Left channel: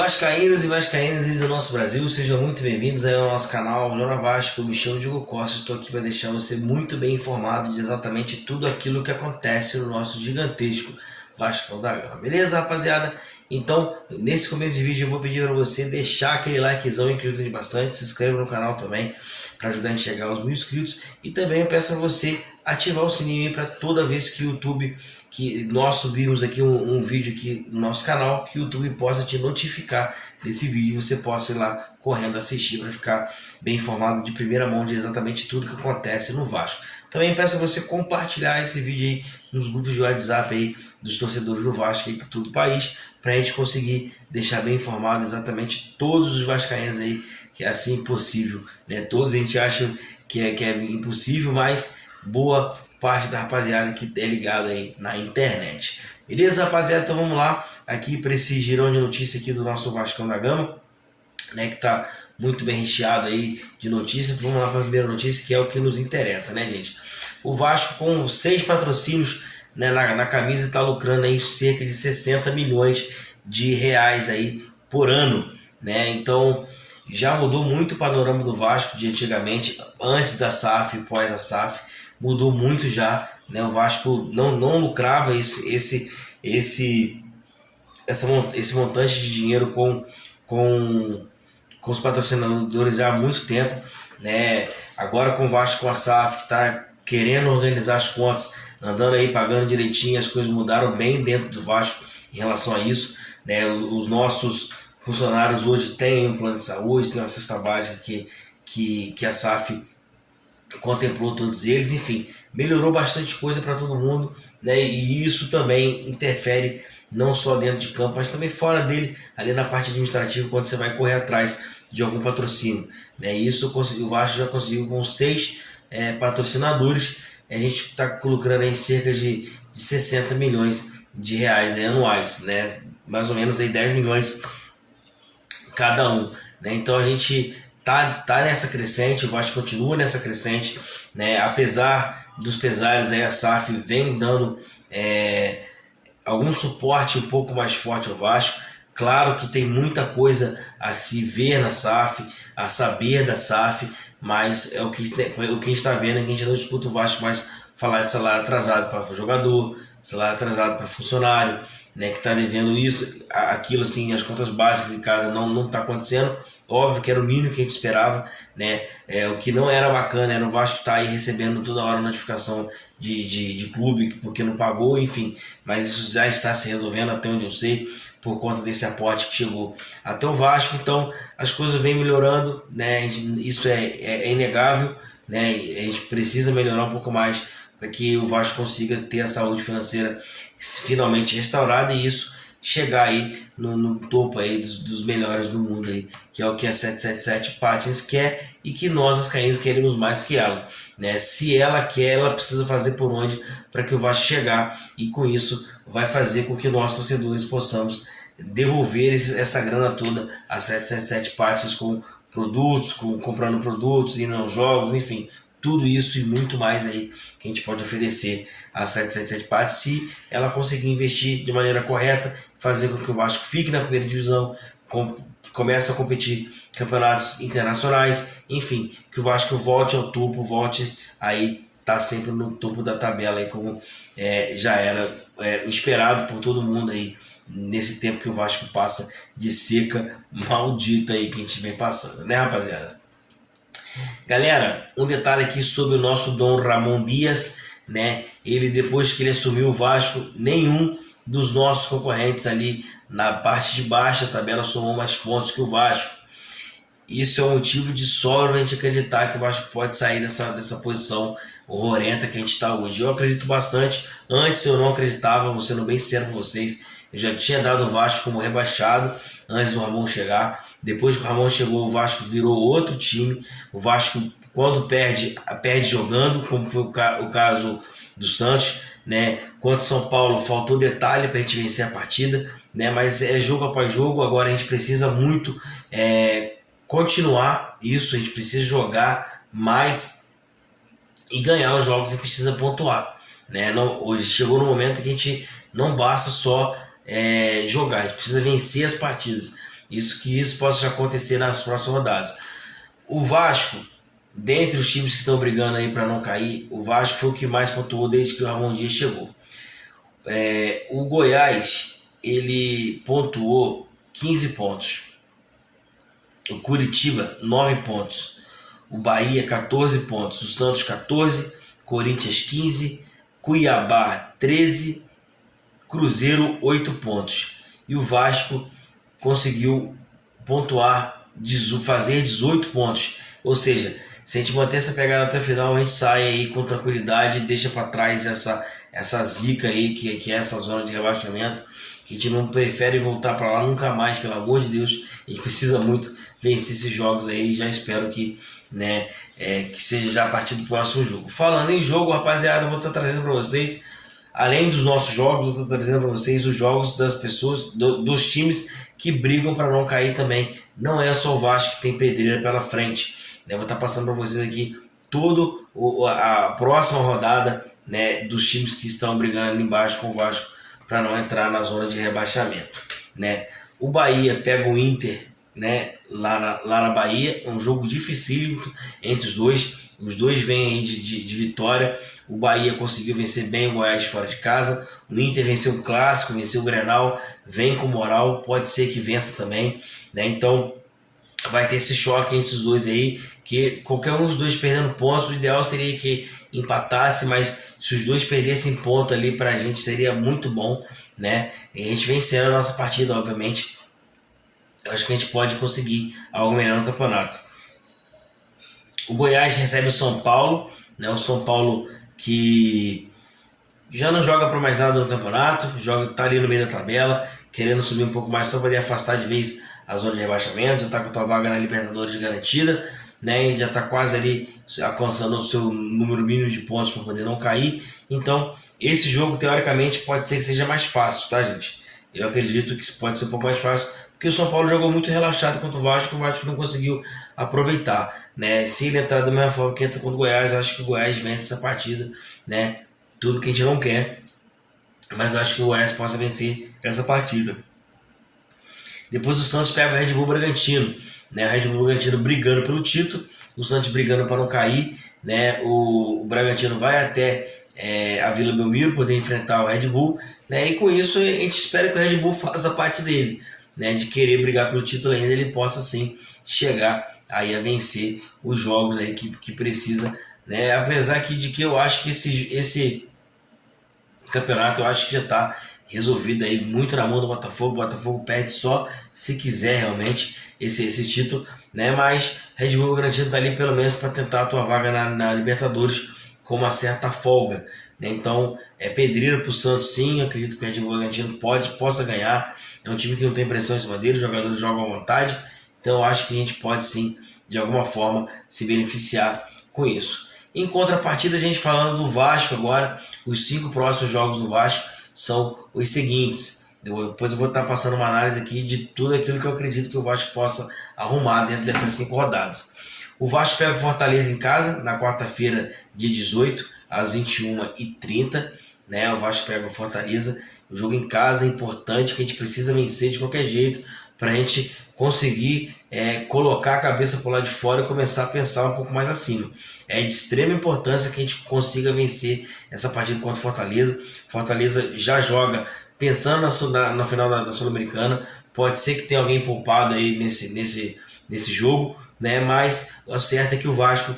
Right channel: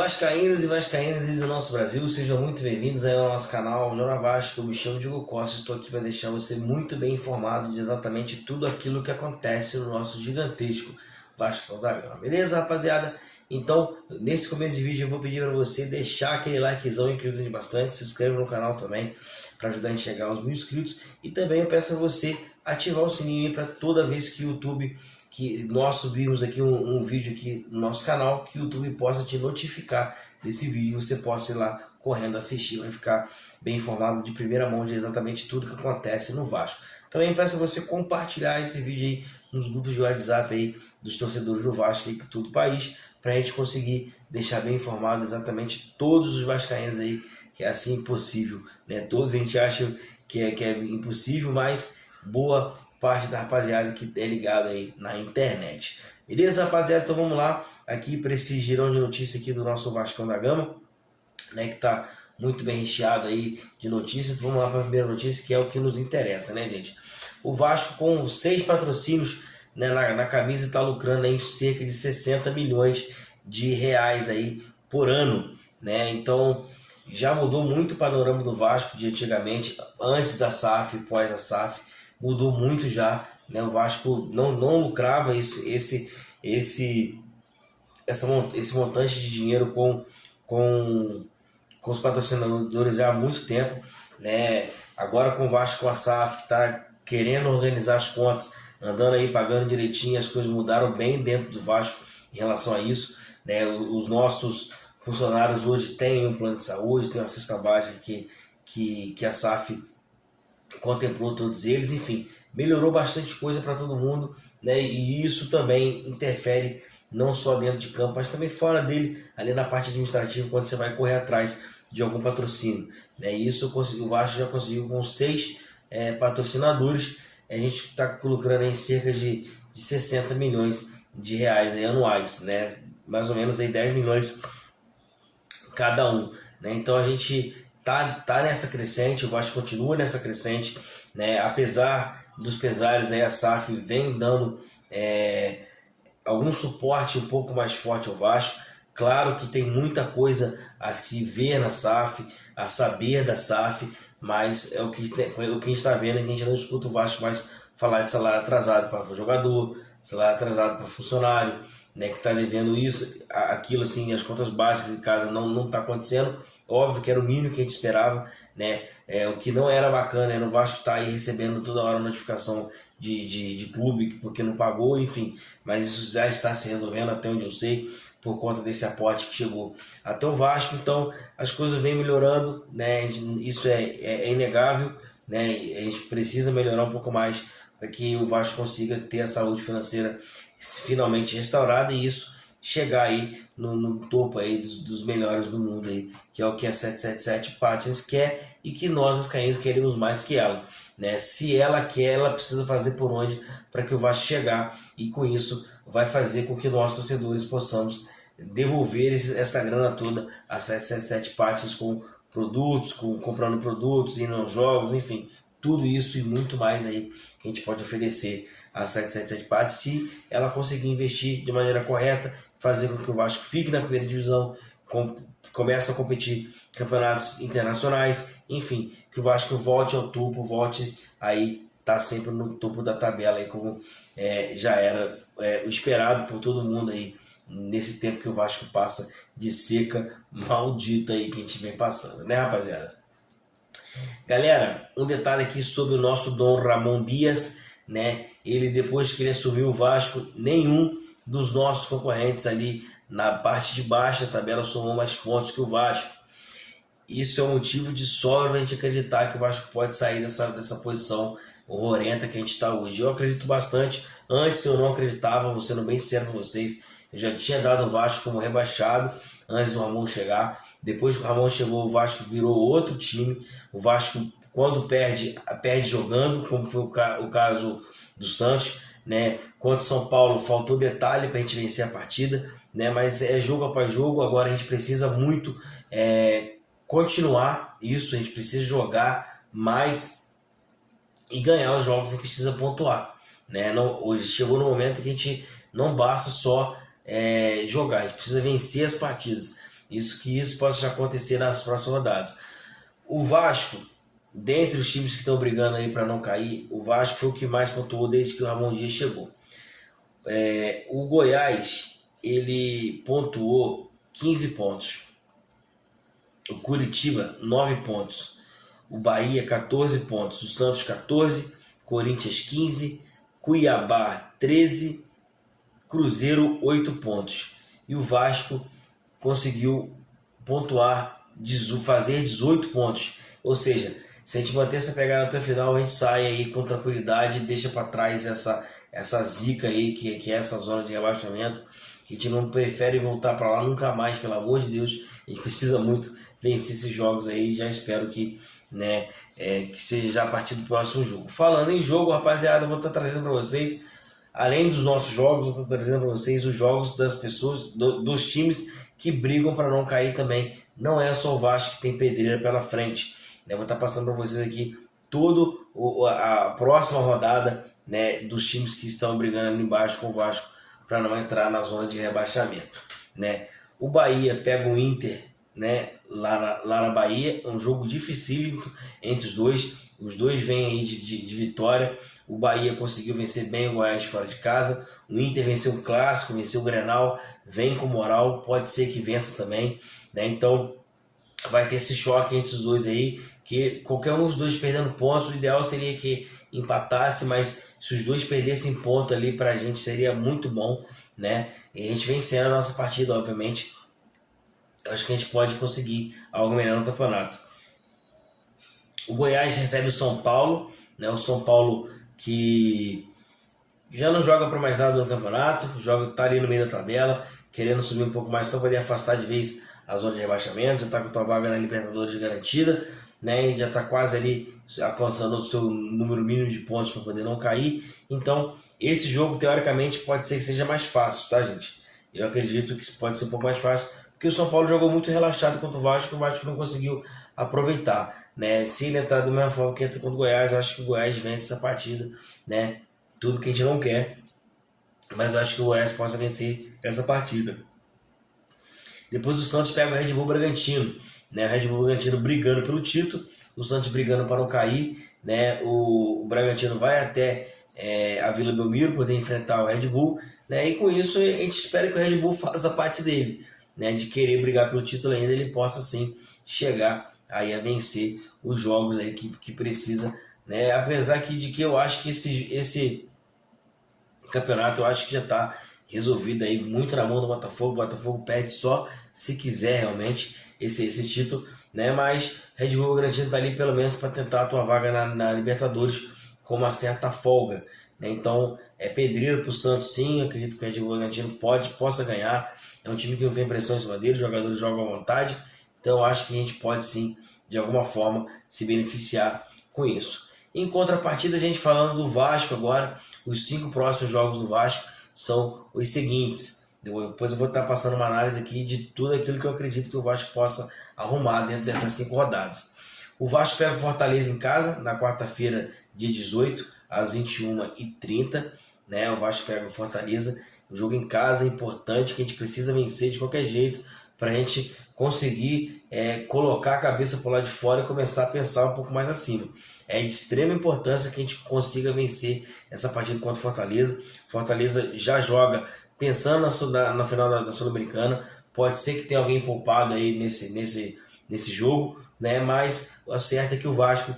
Vascaínos e vascaínas do nosso Brasil, sejam muito bem-vindos aí ao nosso canal Jora Vasco. Eu me chamo Diego Costa, estou aqui para deixar você muito bem informado de exatamente tudo aquilo que acontece no nosso gigantesco Vasco da Gama. Beleza, rapaziada? Então, nesse começo de vídeo eu vou pedir para você deixar aquele likezão que ajuda bastante, se inscreva no canal também para ajudar a chegar aos 1000 inscritos, e também eu peço a você ativar o sininho aí para toda vez que o YouTube, que nós subimos aqui um vídeo aqui no nosso canal, que o YouTube possa te notificar desse vídeo, você possa ir lá correndo assistir para ficar bem informado de primeira mão de exatamente tudo que acontece no Vasco. Também peço a você compartilhar esse vídeo aí nos grupos de WhatsApp aí dos torcedores do Vasco aí, que todo o país, para a gente conseguir deixar bem informado exatamente todos os vascaínos aí, que é assim impossível, né? Todos a gente acha que é impossível, mas boa parte da rapaziada que é ligada aí na internet. Beleza, rapaziada? Então vamos lá aqui para esse girão de notícias aqui do nosso Vascão da Gama, né, que tá muito bem recheado aí de notícias. Vamos lá para a primeira notícia, que é o que nos interessa, né, gente? O Vasco, com 6 patrocínios, né, na camisa, está lucrando aí cerca de 60 milhões de reais aí por ano, né? Então já mudou muito o panorama do Vasco de antigamente, antes da SAF e pós a SAF, mudou muito já, né? O Vasco não lucrava esse montante de dinheiro com os patrocinadores já há muito tempo, né? Agora com o Vasco, com a SAF, que está querendo organizar as contas, andando aí pagando direitinho, as coisas mudaram bem dentro do Vasco em relação a isso, né? Os nossos funcionários hoje têm um plano de saúde, tem uma cesta básica que a SAF contemplou todos eles, enfim, melhorou bastante coisa para todo mundo, né? E isso também interfere não só dentro de campo, mas também fora dele, ali na parte administrativa, quando você vai correr atrás de algum patrocínio, né? Isso o Vasco já conseguiu com 6 patrocinadores. A gente está lucrando em cerca de 60 milhões de reais aí, anuais, né? Mais ou menos aí 10 milhões cada um, né? Então a gente tá nessa crescente, o Vasco continua nessa crescente, né? Apesar dos pesares aí, a SAF vem dando algum suporte um pouco mais forte ao Vasco. Claro que tem muita coisa a se ver na SAF, a saber da SAF, mas é o que a gente está vendo, é que a gente não escuta o Vasco mais falar de salário atrasado para jogador, salário atrasado para funcionário, né, que está devendo isso, aquilo, assim, as contas básicas de casa não está acontecendo. Óbvio que era o mínimo que a gente esperava, né? O que não era bacana era o Vasco estar aí recebendo toda hora notificação de clube porque não pagou, enfim, mas isso já está se resolvendo, até onde eu sei, por conta desse aporte que chegou até o Vasco. Então as coisas vêm melhorando, né? Isso é inegável, né? A gente precisa melhorar um pouco mais para que o Vasco consiga ter a saúde financeira finalmente restaurada, e isso chegar aí no topo aí dos melhores do mundo aí, que é o que a 777 Patins quer, e que nós vascaínos queremos mais que ela, né? Se ela quer, ela precisa fazer por onde para que o Vasco chegar, e com isso vai fazer com que nós torcedores possamos devolver essa grana toda a 777 Patins, com produtos, comprando produtos, indo aos jogos, enfim, tudo isso e muito mais aí que a gente pode oferecer a 777 Patins, se ela conseguir investir de maneira correta, fazer com que o Vasco fique na primeira divisão, comece a competir campeonatos internacionais, enfim, que o Vasco volte ao topo, volte aí, tá sempre no topo da tabela aí, como já era esperado por todo mundo aí, nesse tempo que o Vasco passa de seca maldita aí que a gente vem passando, né, rapaziada? Galera, um detalhe aqui sobre o nosso Dom Ramon Dias, né? Ele, depois que ele assumiu o Vasco, nenhum dos nossos concorrentes ali na parte de baixo da tabela somou mais pontos que o Vasco. Isso é um motivo de sobra a gente acreditar que o Vasco pode sair dessa posição horrorenta que a gente está hoje. Eu acredito bastante. Antes eu não acreditava, vou sendo bem sincero com vocês. Eu já tinha dado o Vasco como rebaixado antes do Ramon chegar. Depois que o Ramon chegou, o Vasco virou outro time. O Vasco, quando perde jogando, como foi o caso do Santos, né? Contra o São Paulo, faltou detalhe para a gente vencer a partida, né? Mas é jogo após jogo. Agora a gente precisa muito continuar isso, a gente precisa jogar mais e ganhar os jogos, e precisa pontuar, né? Hoje chegou no momento que a gente não basta só jogar, a gente precisa vencer as partidas. isso possa acontecer nas próximas rodadas. O Vasco, dentre os times que estão brigando aí para não cair, o Vasco foi o que mais pontuou desde que o Ramon Dias chegou. O Goiás, ele pontuou 15 pontos. O Curitiba, 9 pontos. O Bahia, 14 pontos. O Santos, 14. Corinthians, 15. Cuiabá, 13. Cruzeiro, 8 pontos. E o Vasco conseguiu pontuar, fazer 18 pontos. Ou seja, se a gente manter essa pegada até o final, a gente sai aí com tranquilidade e deixa para trás essa zica aí, que é essa zona de rebaixamento, que a gente não prefere voltar para lá nunca mais, pelo amor de Deus. A gente precisa muito vencer esses jogos aí, já espero que, que seja já a partir do próximo jogo. Falando em jogo, rapaziada, eu vou estar trazendo para vocês, além dos nossos jogos, vou estar trazendo para vocês os jogos das pessoas, dos times que brigam para não cair também. Não é só o Vasco que tem pedreira pela frente. Eu vou estar passando para vocês aqui toda a próxima rodada, dos times que estão brigando ali embaixo com o Vasco para não entrar na zona de rebaixamento. O Bahia pega o Inter, lá na Bahia, um jogo dificílimo entre os dois. Os dois vêm aí de vitória. O Bahia conseguiu vencer bem o Goiás fora de casa. O Inter venceu o Clássico, venceu o Grenal, vem com moral, pode ser que vença também. Então vai ter esse choque entre os dois aí, que qualquer um dos dois perdendo pontos, o ideal seria que empatasse, mas se os dois perdessem ponto ali pra gente seria muito bom, E a gente vencendo a nossa partida, obviamente, eu acho que a gente pode conseguir algo melhor no campeonato. O Goiás recebe o São Paulo, o São Paulo que já não joga para mais nada no campeonato, tá ali no meio da tabela, querendo subir um pouco mais só para poder afastar de vez a zona de rebaixamento, já tá com a tua vaga na Libertadores garantida, e já tá quase ali alcançando o seu número mínimo de pontos para poder não cair. Então, esse jogo teoricamente pode ser que seja mais fácil, tá, gente? Eu acredito que pode ser um pouco mais fácil, porque o São Paulo jogou muito relaxado contra o Vasco não conseguiu aproveitar, Se ele entrar da mesma forma que entra contra o Goiás, eu acho que o Goiás vence essa partida, Tudo que a gente não quer, mas eu acho que o Goiás possa vencer essa partida. Depois o Santos pega o Red Bull Bragantino, O Red Bull Bragantino brigando pelo título, o Santos brigando para não cair, O Bragantino vai até a Vila Belmiro poder enfrentar o Red Bull, E com isso a gente espera que o Red Bull faça a parte dele, De querer brigar pelo título ainda, ele possa sim chegar aí a vencer os jogos aí que precisa, Apesar de que eu acho que esse campeonato eu acho que já está resolvido aí muito na mão do Botafogo. O Botafogo perde só se quiser realmente esse título, Mas Red Bull Bragantino está ali pelo menos para tentar a tua vaga na Libertadores com uma certa folga, Então é pedreira para o Santos, sim. Eu acredito que o Red Bull Bragantino possa ganhar. É um time que não tem pressão em cima dele, os jogadores jogam à vontade, então eu acho que a gente pode sim de alguma forma se beneficiar com isso. Em contrapartida, a gente falando do Vasco agora, os 5 próximos jogos do Vasco são os seguintes. Depois eu vou estar passando uma análise aqui de tudo aquilo que eu acredito que o Vasco possa arrumar dentro dessas 5 rodadas. O Vasco pega o Fortaleza em casa, na quarta-feira, dia 18, às 21h30. O Vasco pega o Fortaleza. O jogo em casa é importante, que a gente precisa vencer de qualquer jeito, para a gente conseguir colocar a cabeça por lá de fora e começar a pensar um pouco mais acima. É de extrema importância que a gente consiga vencer essa partida contra o Fortaleza. Fortaleza já joga pensando na final da Sul-Americana. Pode ser que tenha alguém poupado aí nesse jogo, mas o certo é que o Vasco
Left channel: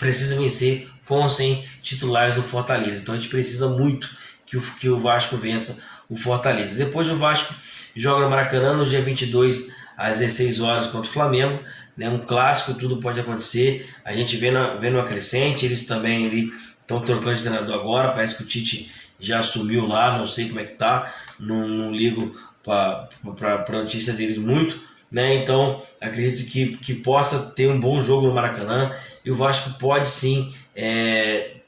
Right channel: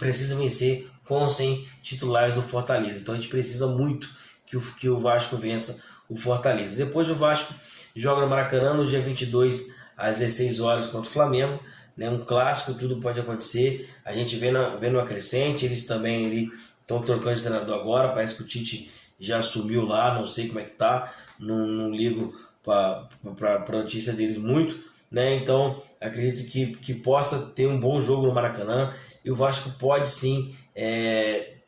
precisa vencer com ou sem titulares do Fortaleza. Então a gente precisa muito que o Vasco vença o Fortaleza. Depois o Vasco joga no Maracanã no dia 22 às 16 horas contra o Flamengo, um clássico, tudo pode acontecer. A gente vê no crescente, eles também estão trocando de treinador agora, parece que o Tite já assumiu lá, não sei como é que tá, não ligo para a notícia deles muito, Então acredito que possa ter um bom jogo no Maracanã, e o Vasco pode sim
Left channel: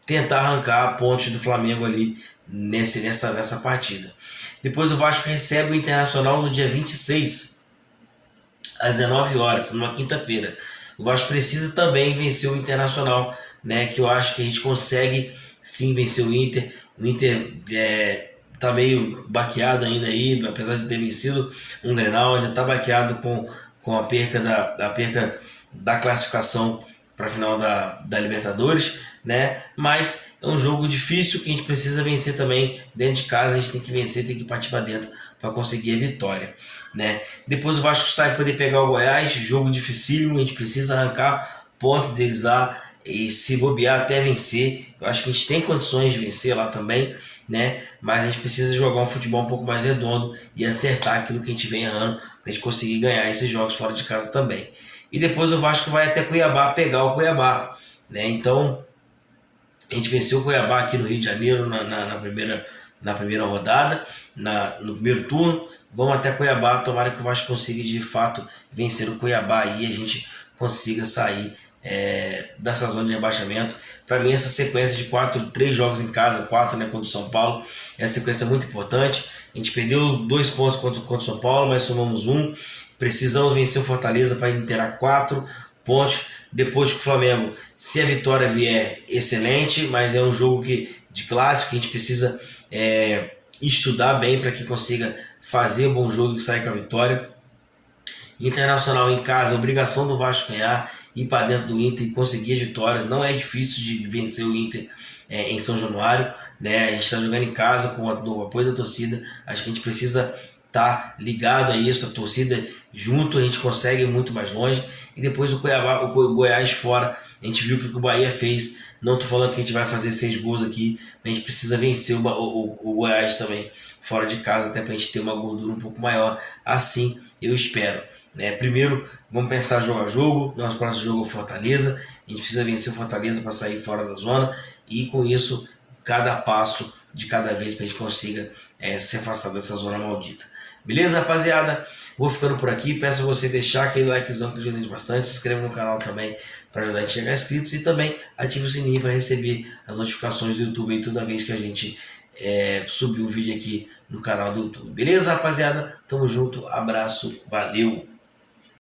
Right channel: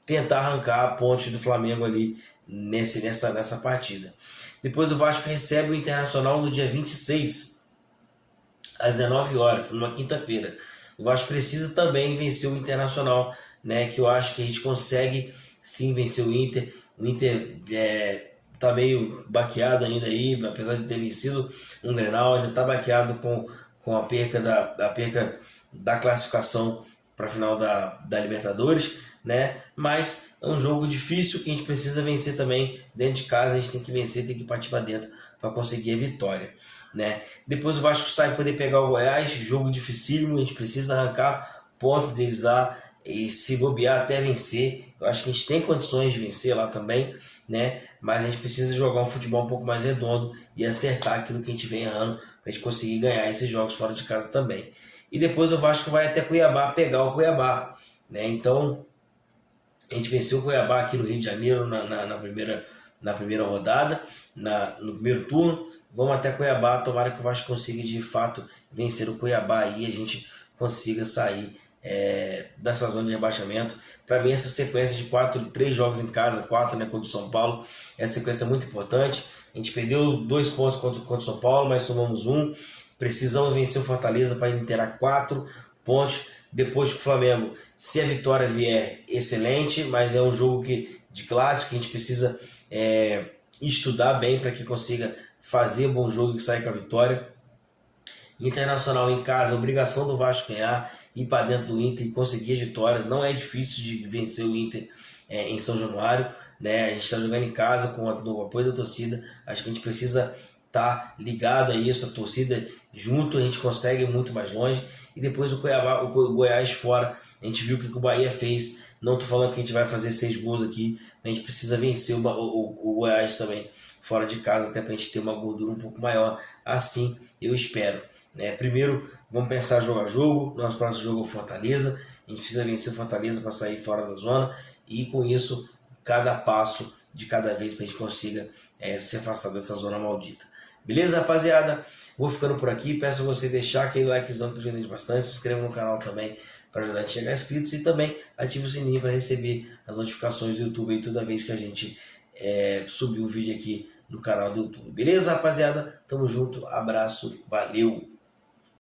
tentar arrancar pontos do Flamengo ali nessa partida. Depois o Vasco recebe o Internacional no dia 26 às 19 horas, numa quinta-feira. O Vasco precisa também vencer o Internacional, que eu acho que a gente consegue sim vencer o Inter. O Inter tá meio baqueado ainda aí, apesar de ter vencido um Grenal, ainda tá baqueado com a perca da classificação para a final da Libertadores, né? Mas é um jogo difícil que a gente precisa vencer também dentro de casa. A gente tem que vencer, tem que partir para dentro para conseguir a vitória, né? Depois o Vasco sai para poder pegar o Goiás, jogo dificílimo, a gente precisa arrancar pontos deles lá e se bobear até vencer. Eu acho que a gente tem condições de vencer lá também, né? Mas a gente precisa jogar um futebol um pouco mais redondo e acertar aquilo que a gente vem errando para a gente conseguir ganhar esses jogos fora de casa também. E depois o Vasco vai até Cuiabá pegar o Cuiabá, né? Então a gente venceu o Cuiabá aqui no Rio de Janeiro na primeira rodada, no primeiro turno. Vamos até Cuiabá, tomara que o Vasco consiga de fato vencer o Cuiabá e a gente consiga sair dessa zona de rebaixamento. Para mim, essa sequência de 3 jogos em casa, 4, né, contra o São Paulo, essa sequência é muito importante. A gente perdeu 2 pontos contra o São Paulo, mas somamos 1. Precisamos vencer o Fortaleza para inteirar 4 pontos. Depois que o Flamengo, se a vitória vier, excelente, mas é um jogo de clássico que a gente precisa estudar bem para que consiga fazer um bom jogo e sair com a vitória. Internacional em casa, obrigação do Vasco ganhar, ir para dentro do Inter e conseguir as vitórias. Não é difícil de vencer o Inter em São Januário, né? A gente está jogando em casa com o apoio da torcida. Acho que a gente precisa estar ligado a isso, a torcida junto, a gente consegue ir muito mais longe. E depois o Cuiabá, o Goiás fora, a gente viu o que o Bahia fez. Não estou falando que a gente vai fazer 6 gols aqui, mas a gente precisa vencer o Goiás também fora de casa, até para a gente ter uma gordura um pouco maior. Assim eu espero, né? Primeiro, vamos pensar jogo a jogo. Nosso próximo jogo é o Fortaleza. A gente precisa vencer o Fortaleza para sair fora da zona. E com isso, cada passo de cada vez para a gente consiga se afastar dessa zona maldita. Beleza, rapaziada? Vou ficando por aqui. Peço a você deixar aquele likezão que ajuda a gente bastante. Se inscreva no canal também para ajudar a gente a chegar inscritos. E também ative o sininho para receber as notificações do YouTube aí toda vez que a gente subir um vídeo aqui no canal do YouTube. Beleza, rapaziada? Tamo junto. Abraço. Valeu!